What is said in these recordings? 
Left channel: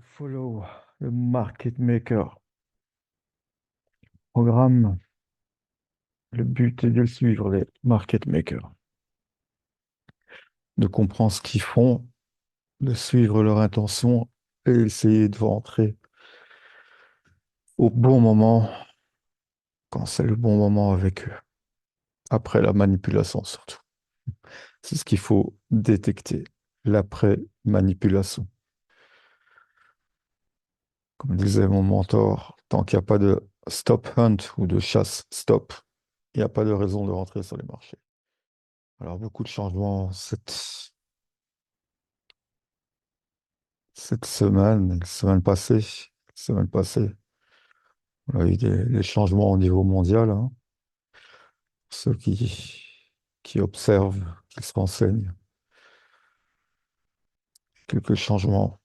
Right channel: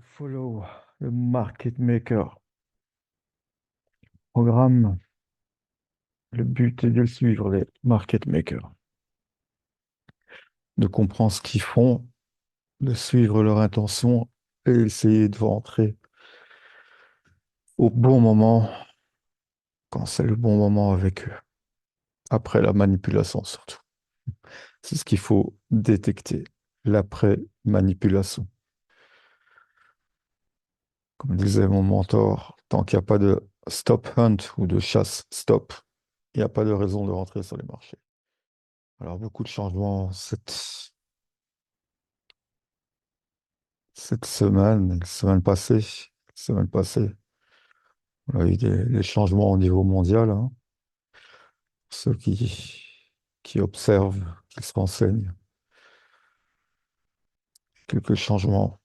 Follow le market maker. Programme, le but est de suivre les market makers, de comprendre ce qu'ils font, de suivre leur intention et essayer de rentrer au bon moment, quand c'est le bon moment avec eux. Après la manipulation surtout. C'est ce qu'il faut détecter, l'après-manipulation. Comme disait mon mentor, tant qu'il n'y a pas de stop hunt ou de chasse stop, il n'y a pas de raison de rentrer sur les marchés. Alors beaucoup de changements cette semaine, semaine passée, on a eu des changements au niveau mondial, hein. Ceux qui observent, qui se renseignent, quelques changements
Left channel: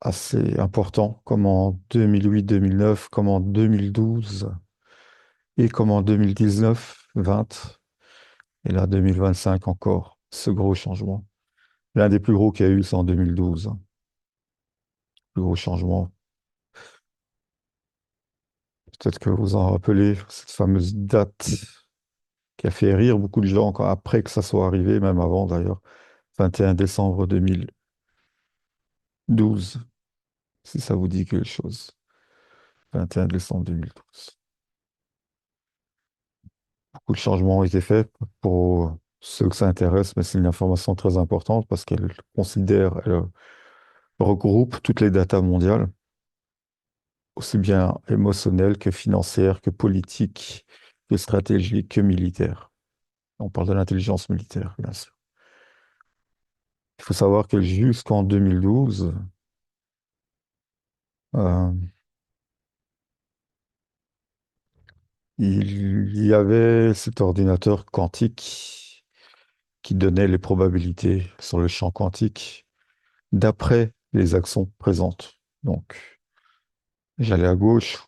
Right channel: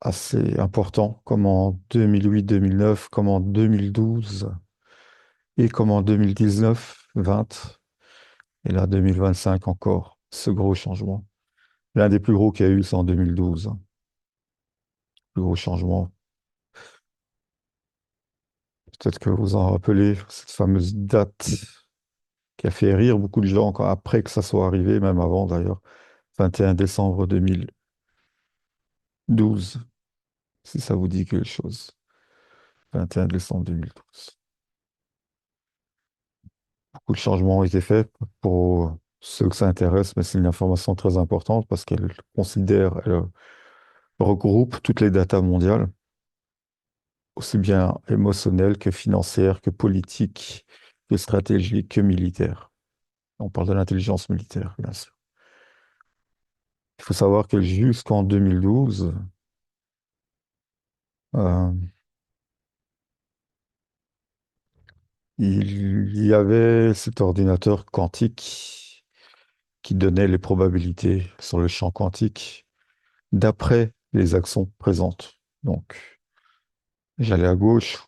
assez importants, comme en 2008-2009, comme en 2012 et comme en 2019-20, et là 2025 encore, ce gros changement. L'un des plus gros qu'il y a eu, c'est en 2012, hein. Le gros changement. Peut-être que vous en rappelez, cette fameuse date qui a fait rire beaucoup de gens après que ça soit arrivé, même avant d'ailleurs, 21 décembre 2012, si ça vous dit quelque chose. 21 décembre 2012. Beaucoup de changements ont été faits pour ceux que ça intéresse, mais c'est une information très importante parce qu'elle considère, elle regroupe toutes les datas mondiales, aussi bien émotionnelles que financières, que politiques, que stratégiques, que militaires. On parle de l'intelligence militaire, bien sûr. Il faut savoir que jusqu'en 2012, euh, il y avait cet ordinateur quantique qui donnait les probabilités sur le champ quantique d'après les actions présentes. Donc, j'allais à gauche,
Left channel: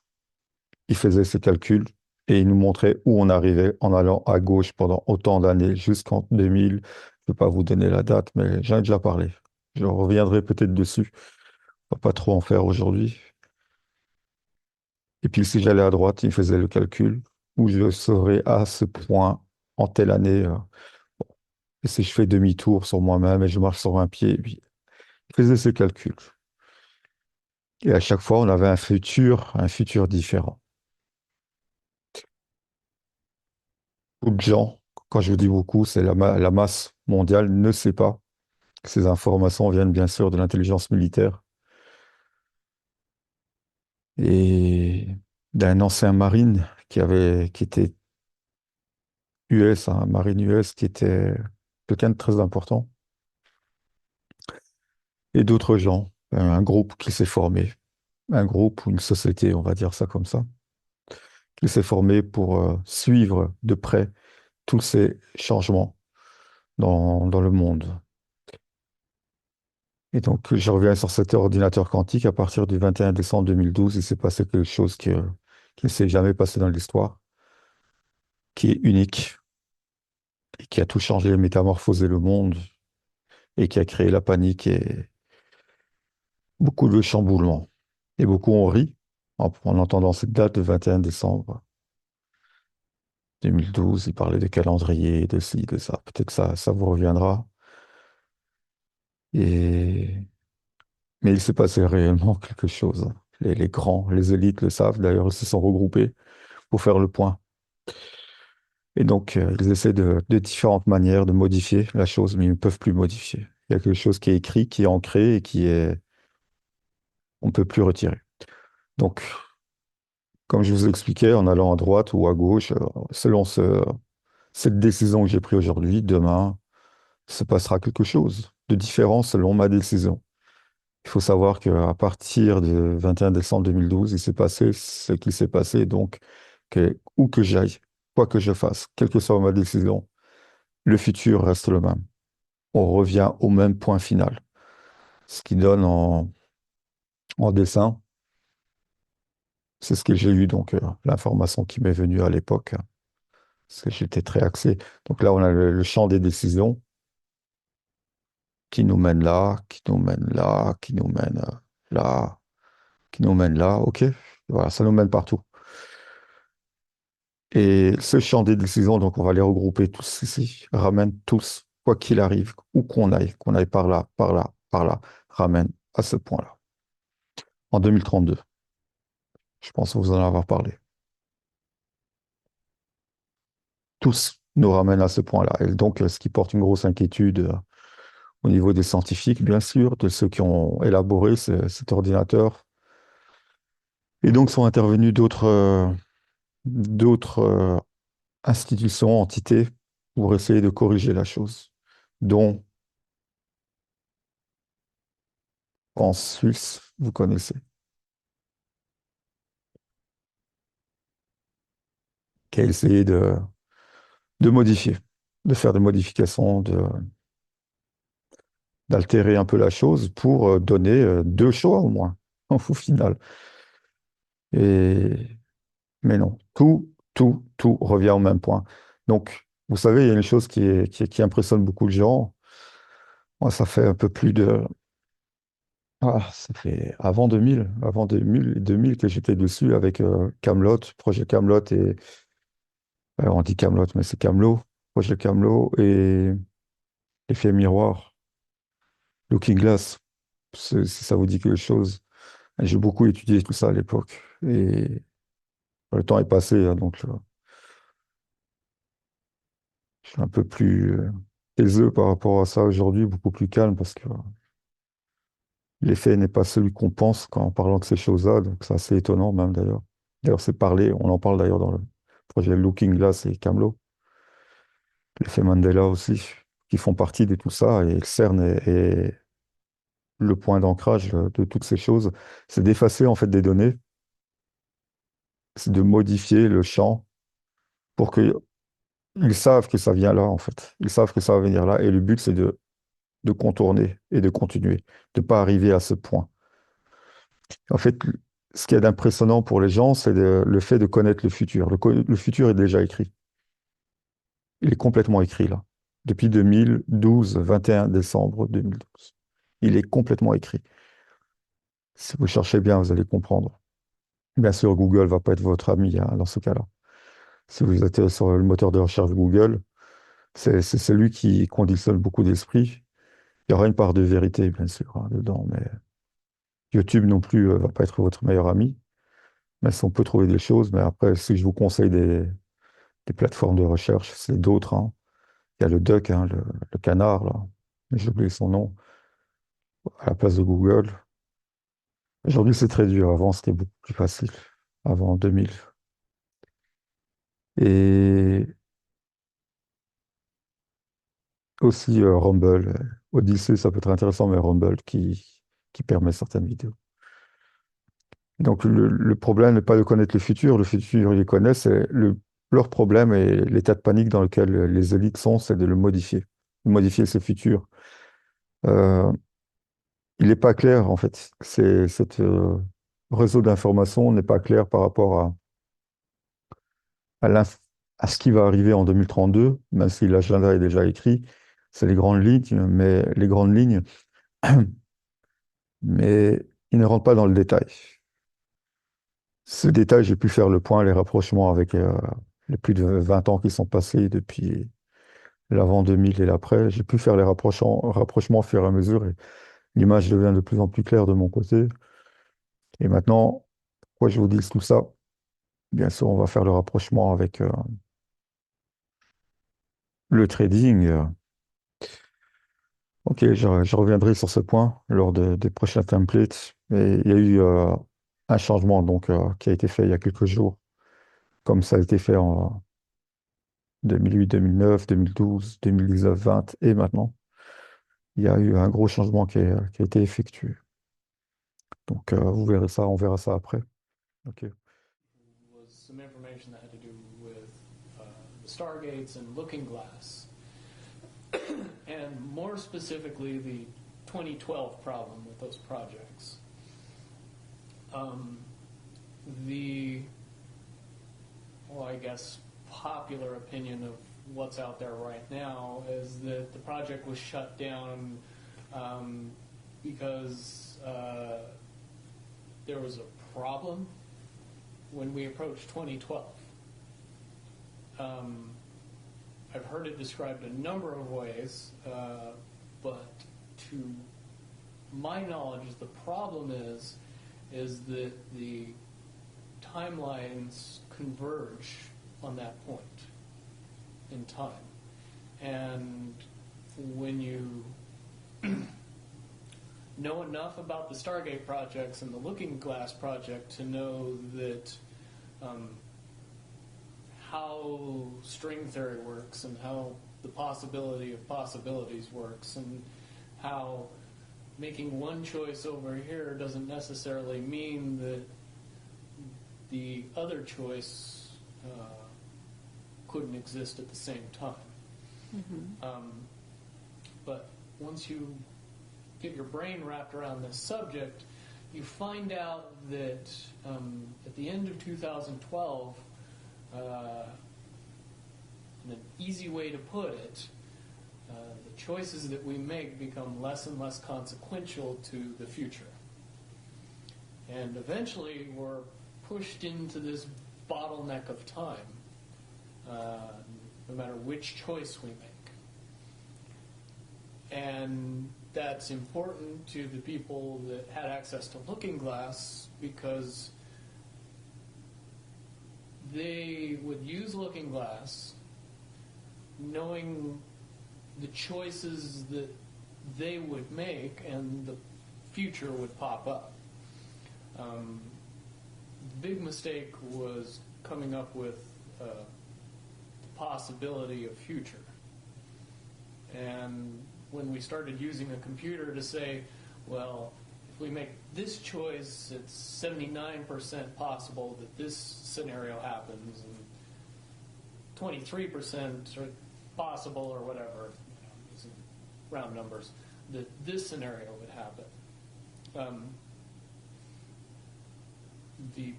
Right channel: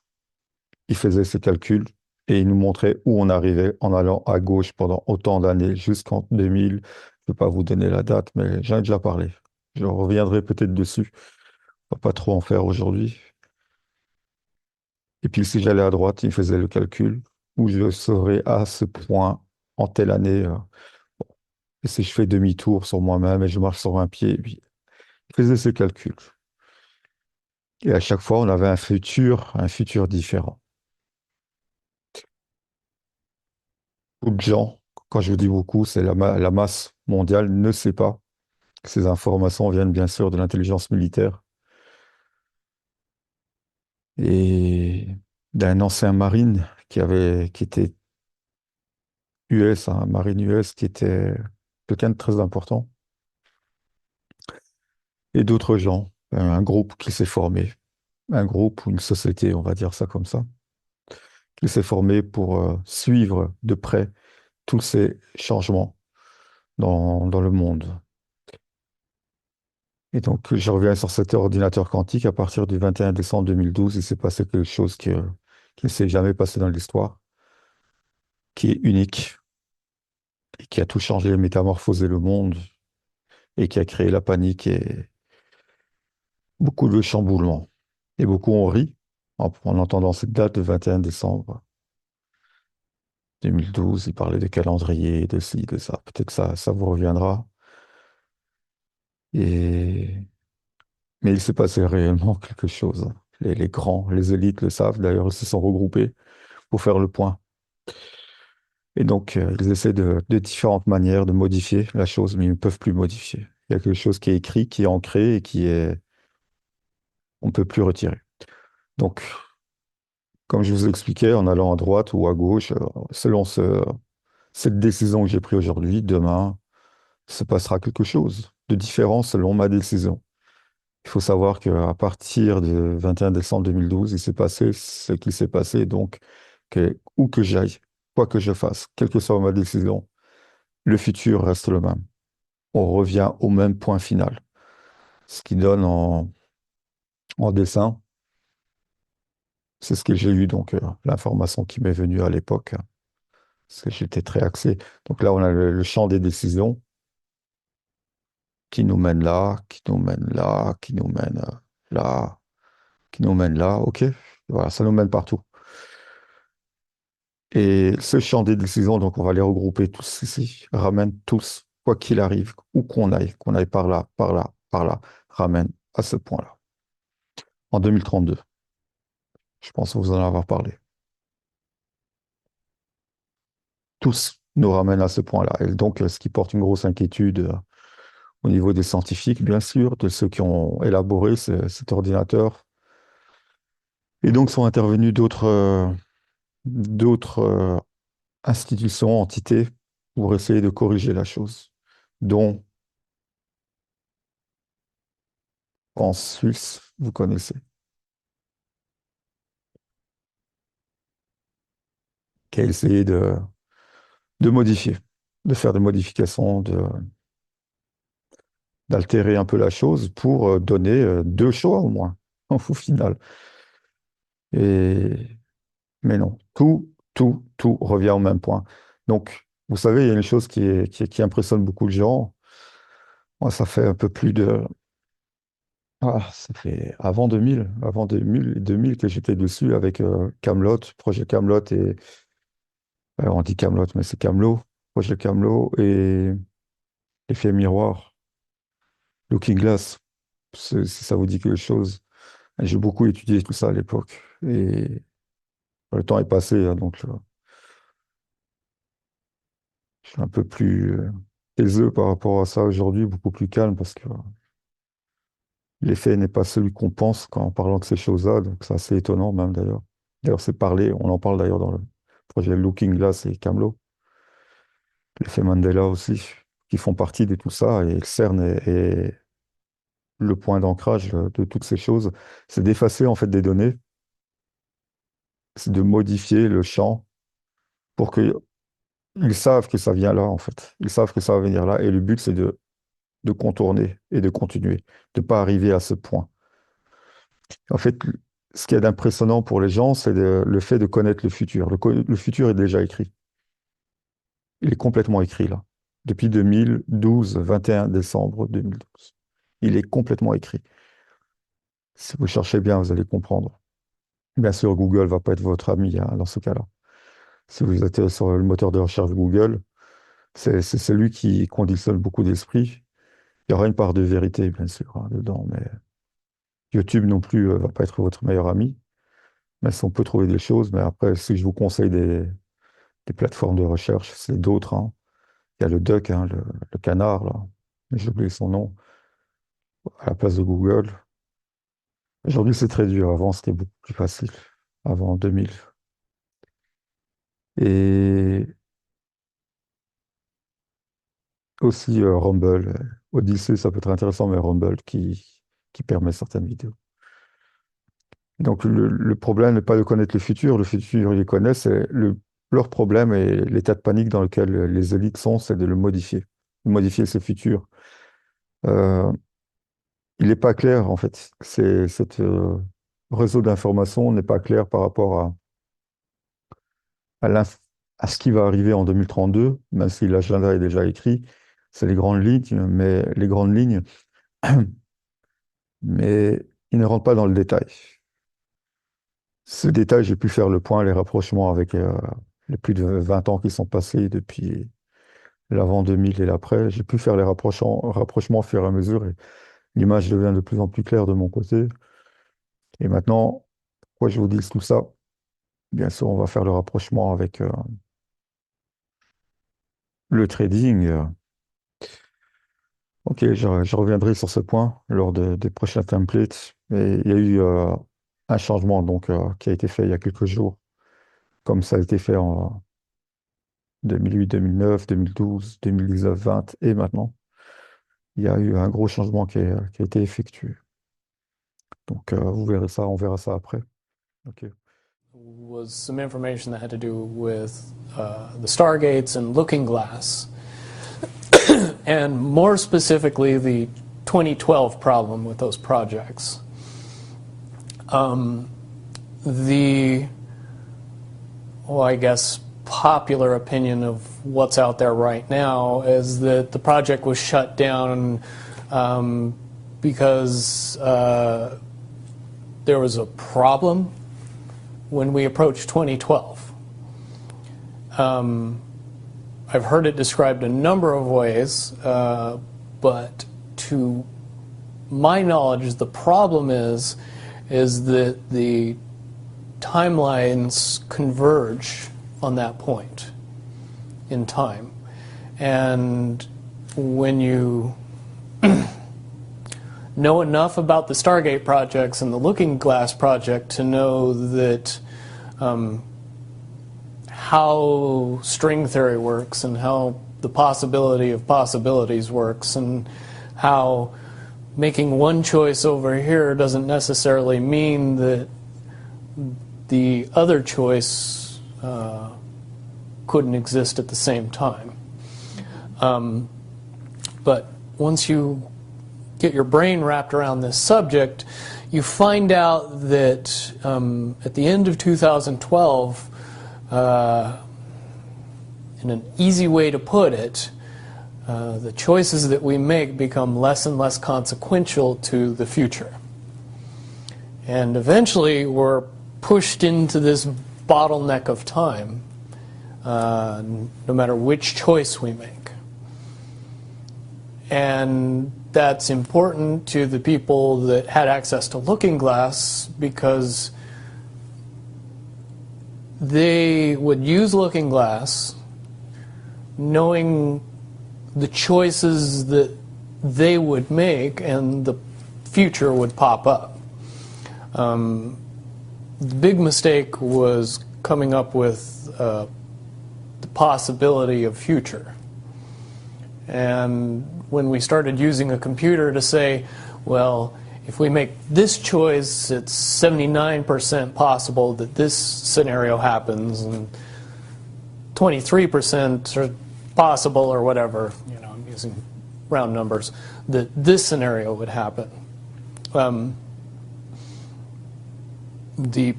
il faisait ses calculs et il nous montrait où on arrivait en allant à gauche pendant autant d'années, jusqu'en 2000. Je ne peux pas vous donner la date, mais j'en ai déjà parlé. Je reviendrai peut-être dessus. On va pas trop en faire aujourd'hui. Et puis, si j'allais à droite, il faisait le calcul où je serais à ce point en telle année. Et si je fais demi-tour sur moi-même et je marche sur un pied, et puis il faisait ce calcul. Et à chaque fois, on avait un futur différent. Beaucoup de gens, quand je vous dis beaucoup, c'est la masse mondiale ne sait pas que ces informations viennent bien sûr de l'intelligence militaire et d'un ancien marine qui était US, un marine US qui était quelqu'un de très important, et d'autres gens, un groupe qui s'est formé, un groupe ou une société, on va dire ça comme ça, qui s'est formé pour suivre de près tous ces changements dans le monde. Et donc, je reviens sur cet ordinateur quantique. À partir du 21 décembre 2012, il s'est passé quelque chose qui ne s'est jamais passé dans l'histoire, qui est unique et qui a tout changé, métamorphosé le monde et qui a créé la panique et beaucoup de chamboulements. Et beaucoup ont ri en entendant cette date de 21 décembre 2012. Il parlait de calendrier, de ci, de ça. Peut-être que ça vous reviendra. Et Mais il s'est passé réellement quelque chose. Les grands, les élites le savent. D'ailleurs, ils se sont regroupés pour faire le point. Et donc, ils essaient de différentes manières de modifier la chose, mais ils ne peuvent plus modifier. Il y a quelque chose qui est écrit, qui est ancré et on ne peut plus retirer. Donc, comme je vous expliquais, en allant à droite ou à gauche, selon cette décision que j'ai prise aujourd'hui, demain, se passera quelque chose de différent selon ma décision. Il faut savoir qu'à partir du 21 décembre 2012, il s'est passé ce qui s'est passé. Donc, où que j'aille, quoi que je fasse, quelle que soit ma décision, le futur reste le même. On revient au même point final. Ce qui donne en dessin, c'est ce que j'ai eu, donc l'information qui m'est venue à l'époque, hein, parce que j'étais très axé. Donc là, on a le champ des décisions qui nous mène là, qui nous mène là, qui nous mène. là, qui nous mène là, ok, voilà, ça nous mène partout. Et ce champ des décisions, donc on va les regrouper tous ici, ramène tous, quoi qu'il arrive, où qu'on aille par là, par là, par là, ramène à ce point-là. En 2032, je pense vous en avoir parlé. Tous nous ramènent à ce point-là. Et donc, ce qui porte une grosse inquiétude au niveau des scientifiques, bien sûr, de ceux qui ont élaboré cet ordinateur. Et donc, sont intervenus d'autres institutions, entités, pour essayer de corriger la chose, dont en Suisse, vous connaissez, qui a essayé de modifier, de faire des modifications, d'altérer un peu la chose pour donner deux choix au moins, au final. Et, mais non, tout revient au même point. Donc, vous savez, il y a une chose qui impressionne beaucoup de gens. Moi, ça fait un peu plus de... Ah, ça fait avant 2000 que j'étais dessus avec Camelot, projet Camelot et... on dit Camelot, mais c'est Camelot, projet Camelot et Effet Miroir, Looking Glass, si ça vous dit quelque chose. J'ai beaucoup étudié tout ça à l'époque et le temps est passé, hein, donc je suis un peu plus taiseux par rapport à ça aujourd'hui, beaucoup plus calme parce que l'effet n'est pas celui qu'on pense quand en parlant de ces choses-là, donc c'est assez étonnant même d'ailleurs. D'ailleurs, c'est parlé, on en parle d'ailleurs dans le projet Looking Glass et Camelot, l'effet Mandela aussi, qui font partie de tout ça et le CERN est le point d'ancrage de toutes ces choses, c'est d'effacer en fait des données, c'est de modifier le champ pour qu'ils savent que ça vient là en fait. Ils savent que ça va venir là et le but c'est de contourner et de continuer, de ne pas arriver à ce point. En fait, ce qui est impressionnant pour les gens, c'est le fait de connaître le futur. Le futur est déjà écrit. Il est complètement écrit là. Depuis 2012, 21 décembre 2012. Il est complètement écrit. Si vous cherchez bien, vous allez comprendre. Bien sûr, Google va pas être votre ami hein, dans ce cas-là. Si vous êtes sur le moteur de recherche Google, c'est celui qui conditionne beaucoup d'esprit. Il y aura une part de vérité, bien sûr, hein, dedans, mais YouTube non plus va pas être votre meilleur ami. Mais si on peut trouver des choses, mais après, si je vous conseille des plateformes de recherche, c'est d'autres, hein. Il y a le duck, hein, le canard, là. Mais j'ai oublié son nom, à la place de Google. Aujourd'hui, c'est très dur. Avant, c'était beaucoup plus facile. Avant 2000. Et aussi Rumble. Odyssey, ça peut être intéressant, mais Rumble qui permet certaines vidéos. Donc, le problème n'est pas de connaître le futur, ils le connaissent. Leur problème et l'état de panique dans lequel les élites sont, c'est de modifier ce futur. Euh, il n'est pas clair, en fait. Cet réseau d'information n'est pas clair par rapport à, l'inf- à ce qui va arriver en 2032, même si l'agenda est déjà écrit. C'est les grandes lignes, mais il ne rentre pas dans le détail. Ce détail, j'ai pu faire le point, les rapprochements avec les plus de 20 ans qui sont passés depuis l'avant 2000 et l'après. J'ai pu faire les rapprochements au fur et à mesure et l'image devient de plus en plus claire de mon côté. Et maintenant, pourquoi je vous dis tout ça? Bien sûr, on va faire le rapprochement avec le trading. Ok, je reviendrai sur ce point lors des prochains templates. Et il y a eu un changement donc, qui a été fait il y a quelques jours, comme ça a été fait en 2008, 2009, 2012, 2019, 20 et maintenant. Il y a eu un gros changement qui a été effectué. Donc, vous verrez ça, on verra ça après. Ok. Was some information that had to do with the Stargates and Looking Glass, and more specifically, the 2012 problem with those projects. The, well, I guess, popular opinion of what's out there right now is that the project was shut down because there was a problem when we approached 2012. I've heard it described a number of ways, but to my knowledge, the problem is that the timelines converge on that point in time. And when you know enough about the Stargate projects and the Looking Glass project to know that how string theory works and how the possibility of possibilities works and how making one choice over here doesn't necessarily mean that the other choice couldn't exist at the same time. But once you get your brain wrapped around this subject, you find out that at the end of 2012, in an easy way to put it, the choices that we make become less and less consequential to the future. And eventually we're pushed into this bottleneck of time, no matter which choice we make. And that's important to the people that had access to Looking Glass because they would use Looking Glass knowing the choices that they would make and the future would pop up. The big mistake was coming up with the possibility of future. And when we started using a computer to say, well, if we make this choice, it's 79% possible that this scenario happens, and 23% are possible, or whatever, I'm using round numbers, that this scenario would happen. The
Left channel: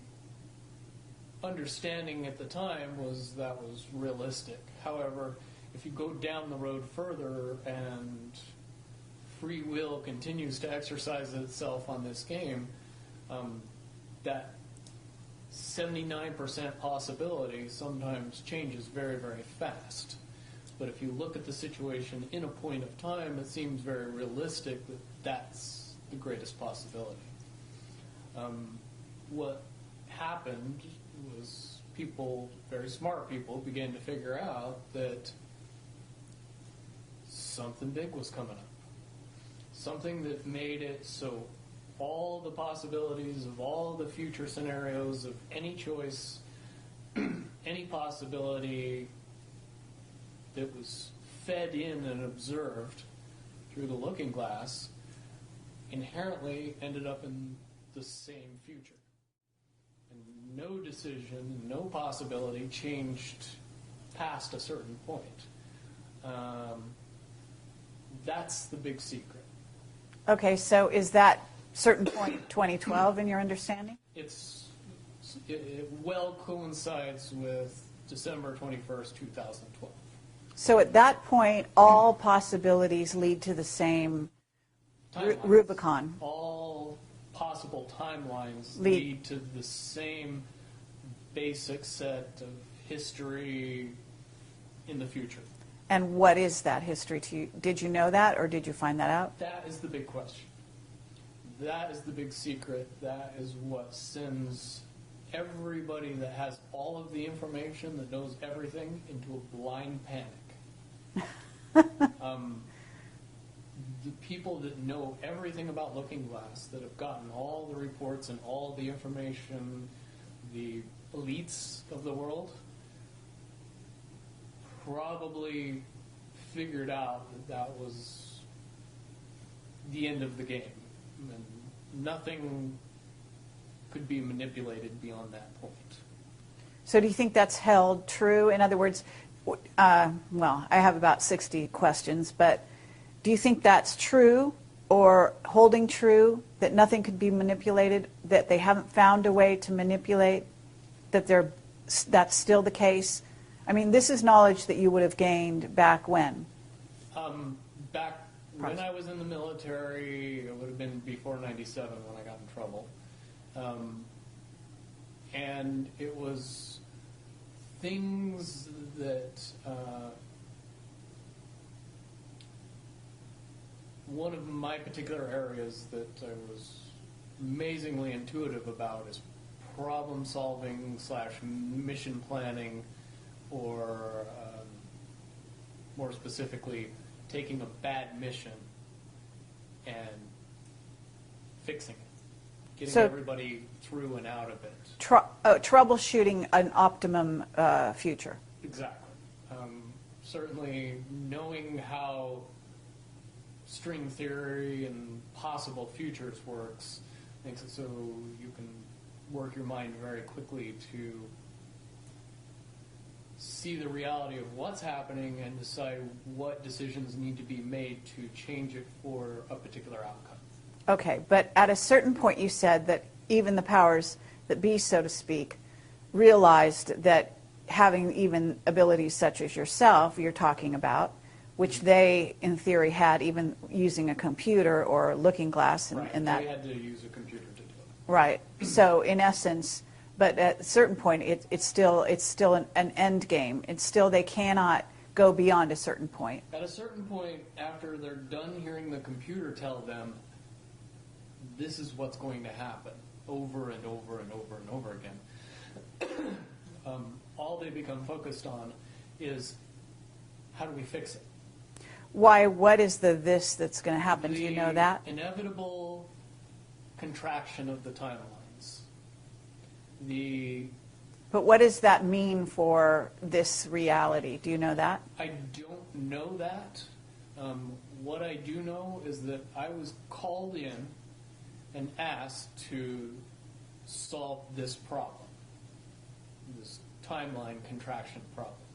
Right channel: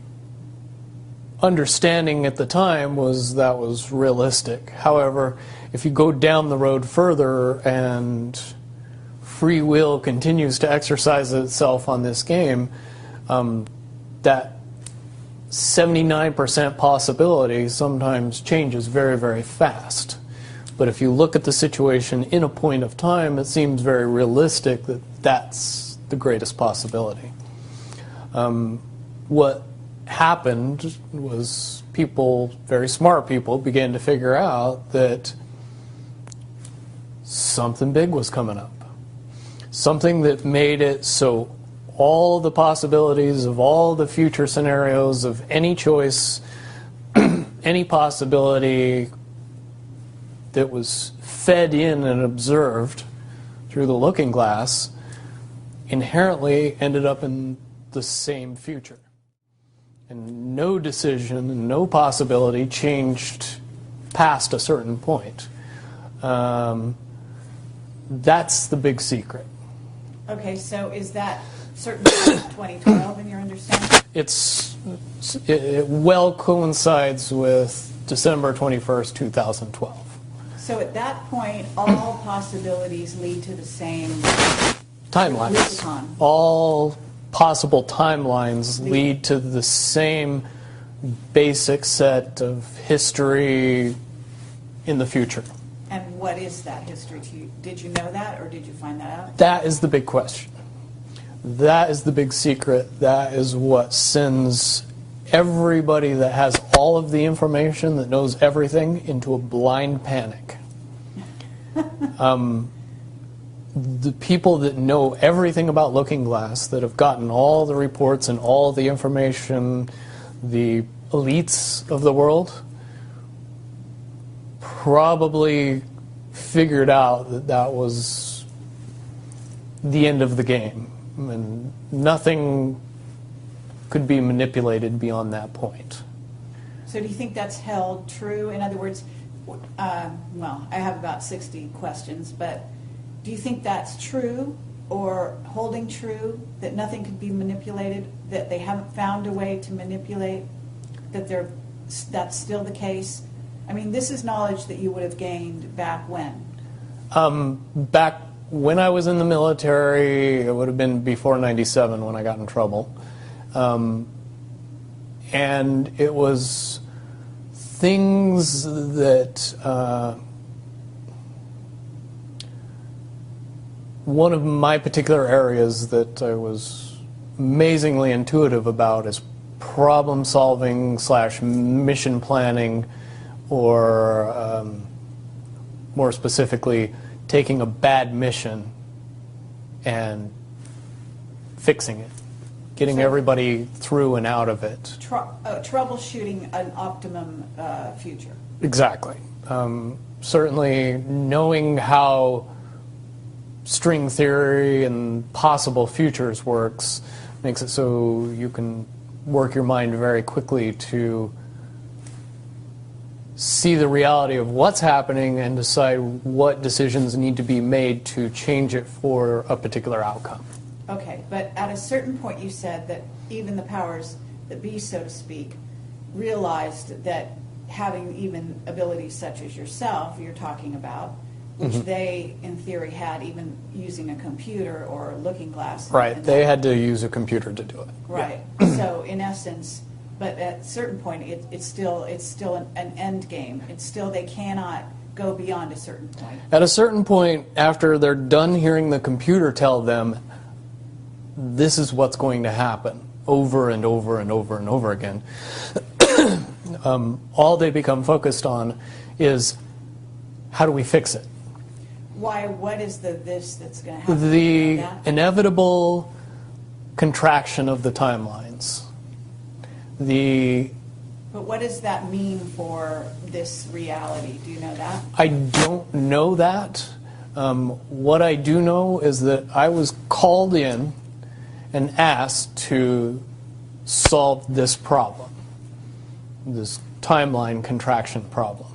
understanding at the time was that was realistic. However, if you go down the road further and free will continues to exercise itself on this game, that 79% possibility sometimes changes very, very fast. But if you look at the situation in a point of time, it seems very realistic that that's the greatest possibility. What happened was people, very smart people, began to figure out that something big was coming up. Something that made it so all the possibilities of all the future scenarios of any choice, any possibility that was fed in and observed through the Looking Glass inherently ended up in the same future. And no decision and no possibility changed past a certain point. That's the big secret. Okay, so is that certainly 2012 in your understanding? It well coincides with December 21st, 2012. So at that point, all possibilities lead to the same Timelines. Rubicon. All possible timelines lead to the same basic set of history in the future. And what is that history to you? Did you know that, or did you find that out? That is the big question. That is the big secret. That is what sends everybody that has all of the information, that knows everything, into a blind panic. The people that know everything about Looking Glass, that have gotten all the reports and all the information, the elites of the world, probably figured out that that was the end of the game, and nothing could be manipulated beyond that point. So do you think that's held true? In other words, well, I have about 60 questions, but do you think that's true or holding true, that nothing could be manipulated, that they haven't found a way to manipulate, that that's still the case? I mean, this is knowledge that you would have gained back when? Back when I was in the military, it would have been before '97 when I got in trouble. And it was things that one of my particular areas that I was amazingly intuitive about is problem solving / mission planning, or more specifically, taking a bad mission and fixing it, getting everybody through and out of it. Troubleshooting an optimum future. Exactly. Certainly knowing how string theory and possible futures works makes it so you can work your mind very quickly to see the reality of what's happening and decide what decisions need to be made to change it for a particular outcome. Okay, but at a certain point you said that even the powers that be, so to speak, realized that having even abilities such as yourself, you're talking about, which they, in theory, had even using a computer or a looking glass. Right, they had to use a computer to do it. Right, so in essence, but at a certain point, it's still an end game. It's still, they cannot go beyond a certain point. At a certain point, after they're done hearing the computer tell them, this is what's going to happen, over and over and over and over again, all they become focused on is, how do we fix it? Why? What is this that's going to happen? The you know that? inevitable contraction of the timelines. But what does that mean for this reality? Do you know that? I don't know that. What I do know is that I was called in and asked to solve this problem, this timeline contraction problem.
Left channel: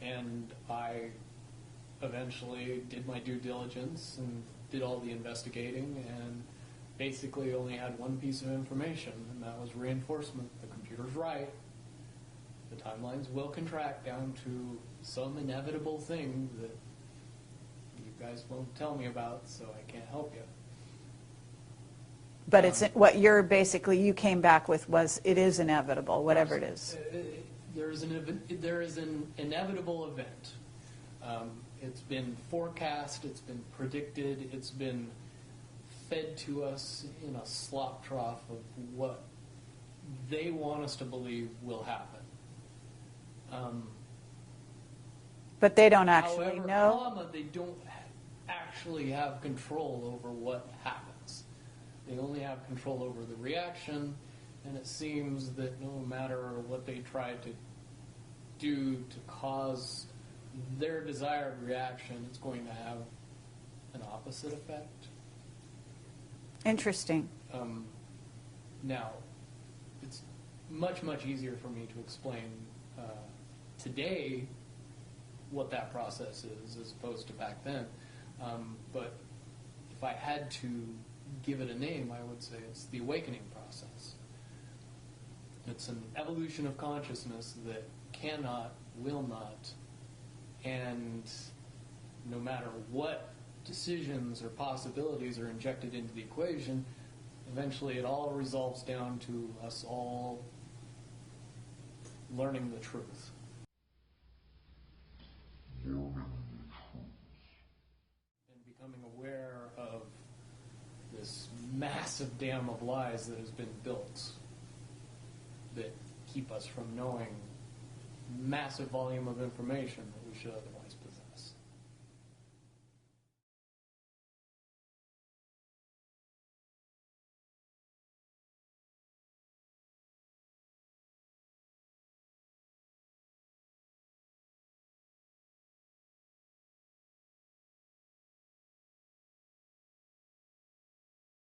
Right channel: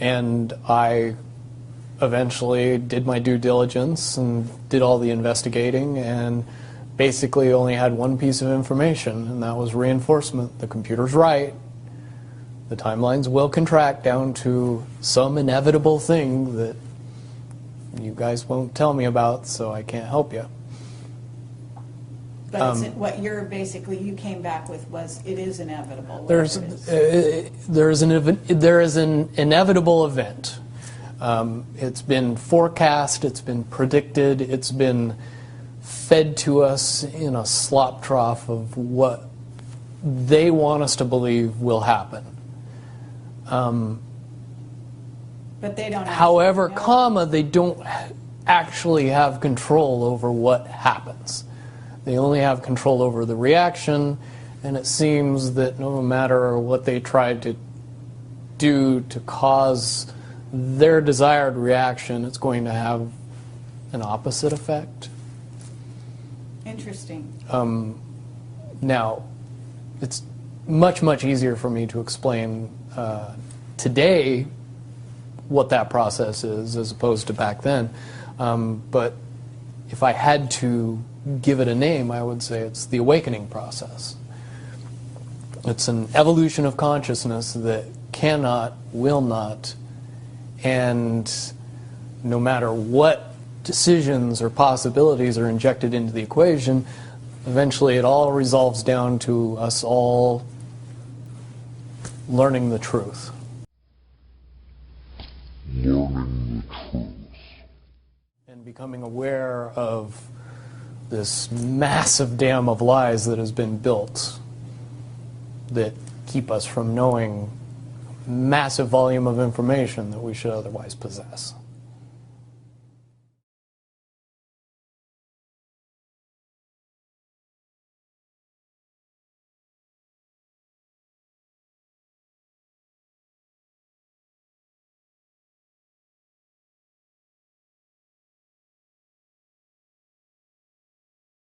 And I eventually did my due diligence and did all the investigating and basically only had one piece of information, and that was reinforcement. The computer's right. The timelines will contract down to some inevitable thing that you guys won't tell me about, so I can't help you. But it's, what you're basically, you came back with was, it is inevitable, whatever it is. There is an inevitable event. It's been forecast, it's been predicted, it's been fed to us in a slop trough of what they want us to believe will happen. But they don't actually However, know. they don't actually have control over what happens. They only have control over the reaction, and it seems that no matter what they try to do to cause their desired reaction, it's going to have an opposite effect. Interesting. Now, it's much, much easier for me to explain today what that process is as opposed to back then. But if I had to give it a name, I would say it's the awakening process. It's an evolution of consciousness that cannot, will not, and no matter what decisions or possibilities are injected into the equation, eventually it all resolves down to us all learning the truth. Learning the truth. And becoming aware of this massive dam of lies that has been built that keep us from knowing massive volume of information that we should otherwise possess.